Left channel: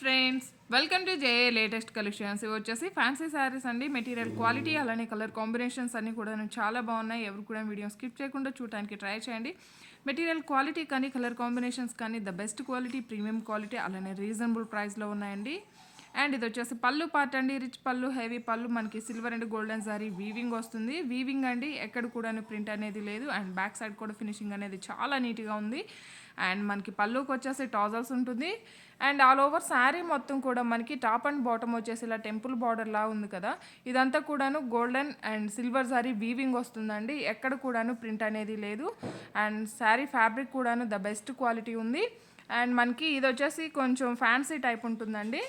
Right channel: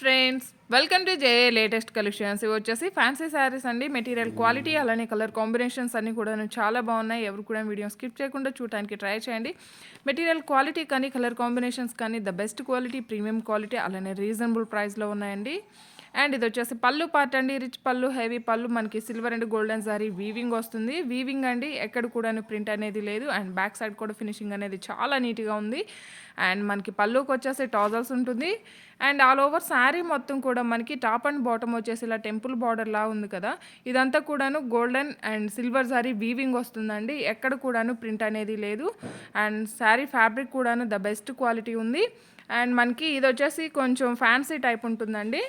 Friends, welcome to JA latest collections. ఇవి వచ్చేసి fancy saris అండి. మెటీరియల్ క్వాలిటీ అలానే కలర్ కాంబినేషన్స్ అన్నీ కూడా చాలా బాగున్నాయి. ఎవరు కూడా వీడియో స్కిప్ చేయకుండా చూడడానికి ట్రై చేయండి. మెటీరియల్ క్వాలిటీ కానీ కలర్ కాంబినేషన్స్ కానీ the best quality, premium quality అలానే రీజనబుల్ ప్రైస్లో ఉన్నాయండి. అండ్ ఇది వచ్చేసి పళ్ళు పార్ట్ అండి. రిచ్ పళ్ళు, హెవీ పళ్ళు, మనకి silver and golden sorry weaving వస్తుంది. వీవింగ్ అండి, ఎక్కడ కూడా ప్రింట్ అనేది లేదు. అండ్ బ్యాక్ సైడ్ కూడా ఫినిషింగ్ అనేది చాలా నీట్గా ఉంది. అండ్ మనకి పళ్ళుకి వచ్చేసి టాజల్స్ ఉంటుంది. అండ్ ఆల్ ఓవర్ శారీ మొత్తం కూడా మనకి టాప్ అండ్ బాటమ్ వచ్చేసి ఇలా టెంపుల్ బార్డర్ లా ఉంది కదా, ఇదంతా కూడాను golden and silver sari weaving వస్తుందండి. ఎక్కడ కూడాను ప్రింట్ అనేది లేదు. అండ్ శారీ ఫ్యాబ్రిక్ కూడాను ద బెస్ట్ క్వాలిటీ ఉంది. అండ్ మనకి ఇది వచ్చేసి కొంచెం ఫ్యాన్సీ టైప్ ఉంటుందండి.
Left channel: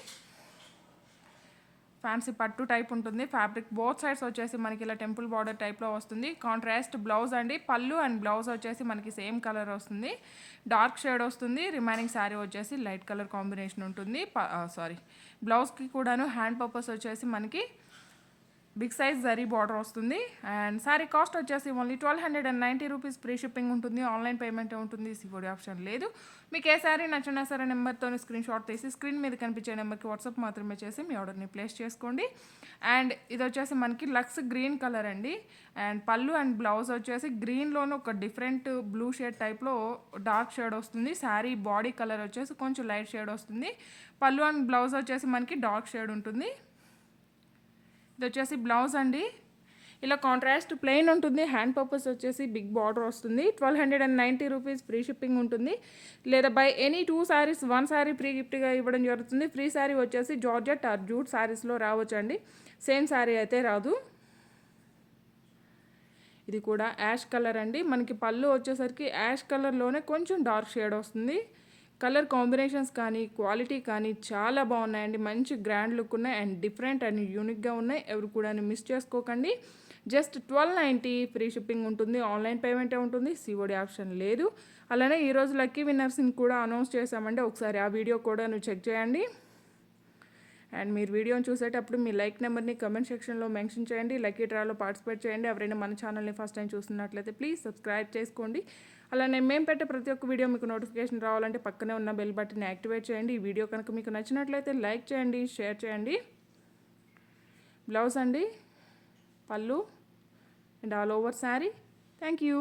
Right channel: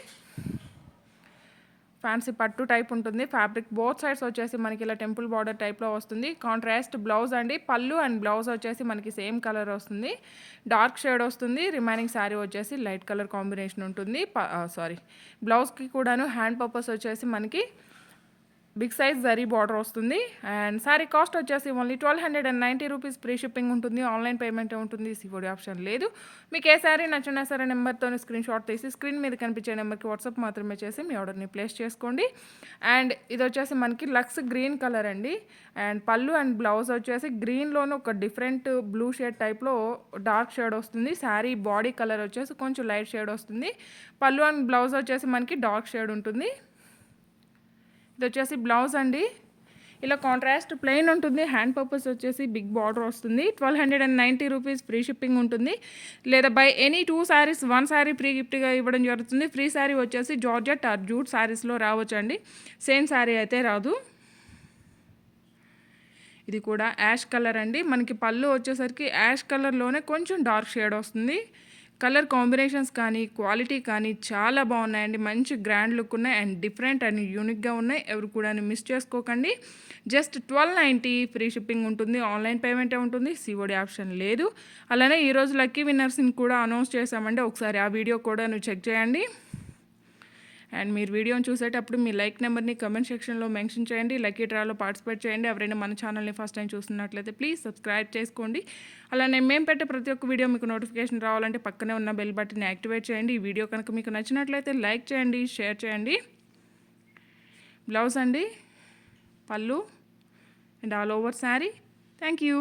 ఫ్యాన్సీ పట్టు టైప్ ఉంటుంది. ఫ్యాబ్రిక్ బోత్ సైడ్స్ వచ్చేసి మనకి ఇలా టెంపుల్ బార్డర్ టైప్లో వస్తుంది. కాంట్రాస్ట్ బ్లౌజ్ అండి. పళ్ళు అండ్ బ్లౌజ్ వచ్చేసి మనకి సేమ్ కలర్ వస్తుంది. డార్క్ షేడ్ వస్తుంది. రిమైనింగ్ శారీ వచ్చేసి లైట్ కలర్ కాంబినేషన్ ఉంటుంది. బ్లౌజ్కి కూడాను హ్యాండ్ పర్పస్ వచ్చేసి మనకి బిగ్ సైజ్ జరీ బార్డర్ వస్తుంది. అండ్ శారీ కాస్ట్ వచ్చేసి ఓన్లీ 1290 రూపీస్. ఫ్రీ షిప్పింగ్ ఉంటుంది. ఆన్లైన్ పేమెంట్ ఉంటుంది. సిఓడి ఆప్షన్ లేదు. మీకు ఏ శారీ నచ్చినా సరే నెంబర్తో స్క్రీన్ షాట్ తీసి స్క్రీన్ మీద కనిపించే నెంబర్కి వాట్సాప్ మాత్రమే చేసి మీ ఆర్డర్ని ప్లేస్ చేసుకోండి. అండ్ ఇది వచ్చేసి మనకి లక్స్ గ్రీన్ కలర్ అండి. అండ్ పళ్ళు అండ్ బ్లౌజ్ వచ్చేసి గ్రీన్లోనే ఒక డిఫరెంట్ బ్లూ షేడ్ టైప్లో డార్క్ షేడ్ వస్తుంది. శారీ బాడీ కలర్ వచ్చేసి కొంచెం లైట్ షేడ్ వస్తుంది. పళ్ళు అండ్ బ్లౌజ్ వచ్చేసి మనకి డార్క్ షేడ్ ఉంటుంది. ఇది వచ్చేసి బ్లౌజ్ అండి. ఇలా కాంట్రాస్ట్ ప్లెయిన్ ఉంటుంది. హ్యాండ్ పర్పస్ వచ్చేసి బిగ్ బార్డర్ వస్తుంది. 1290 రూపీస్. ఫ్రీ షిప్పింగ్ ఉంటుంది. లేదా by any 2 saris 1 sari free గిఫ్ట్గా ఇవ్వడం జరుగుతుంది. ఫ్రీ శారీ వచ్చేసి జార్జెట్ ఆర్ జూట్ శారీస్లో రావచ్చు అండి. సేమ్ శారీ అయితే రాదు. ఇది కూడా యాష్ కలర్ అండి. మనకి పళ్ళు వచ్చేసరికి యాష్ కలర్లోనే కొంచెం డార్క్ షేడ్ వస్తుంది. కలర్ కాంబినేషన్స్ కానీ క్వాలిటీ కానీ చాలా బాగున్నాయండి. మంచి గ్రాండ్ లుక్ ఉన్నాయి అండ్ డిఫరెంట్ అండ్ యూనిక్గా ఉన్నాయి. ఎవరు కూడా మిస్ చేసుకోకండి. జస్ట్ 1290 ఫ్రీ షిప్పింగ్ ఉంటుంది. ఆన్లైన్ పేమెంటే ఉంటుంది. సిఓడి ఆప్షన్ లేదు. అలానే ఈరోజు లక్కీ విన్నర్స్ని కూడా అనౌన్స్ చేశామండి. ఒకసారి ఆ వీడియో కూడా చెక్ చేయండి. అండ్ మీరు వీడియోని చూసేటప్పుడు మీ లైక్ నెంబర్ని కమెంట్ సెక్షన్లో మెన్షన్ చేయండి. లక్కీ డ్రాలో పార్టిసిపేట్ చేయండి. ఎవరైనా మన ఛానల్ని ఫస్ట్ టైం చూస్తున్నట్లయితే ప్లీజ్ సబ్స్క్రైబ్ చేసుకోండి. అలానే మేము పెట్టే ప్రతి ఒక్క వీడియో మీకు నోటిఫికేషన్ రావాలంటే పక్కనే ఉన్న బెల్ బటన్ని యాక్టివేట్ చేయండి. ఈ వీడియో కనుక మీకు నచ్చినట్లయితే లైక్ చేయండి, షేర్ చేయండి. బ్లౌజ్ అండి, పళ్ళు and all over sari. Thank you.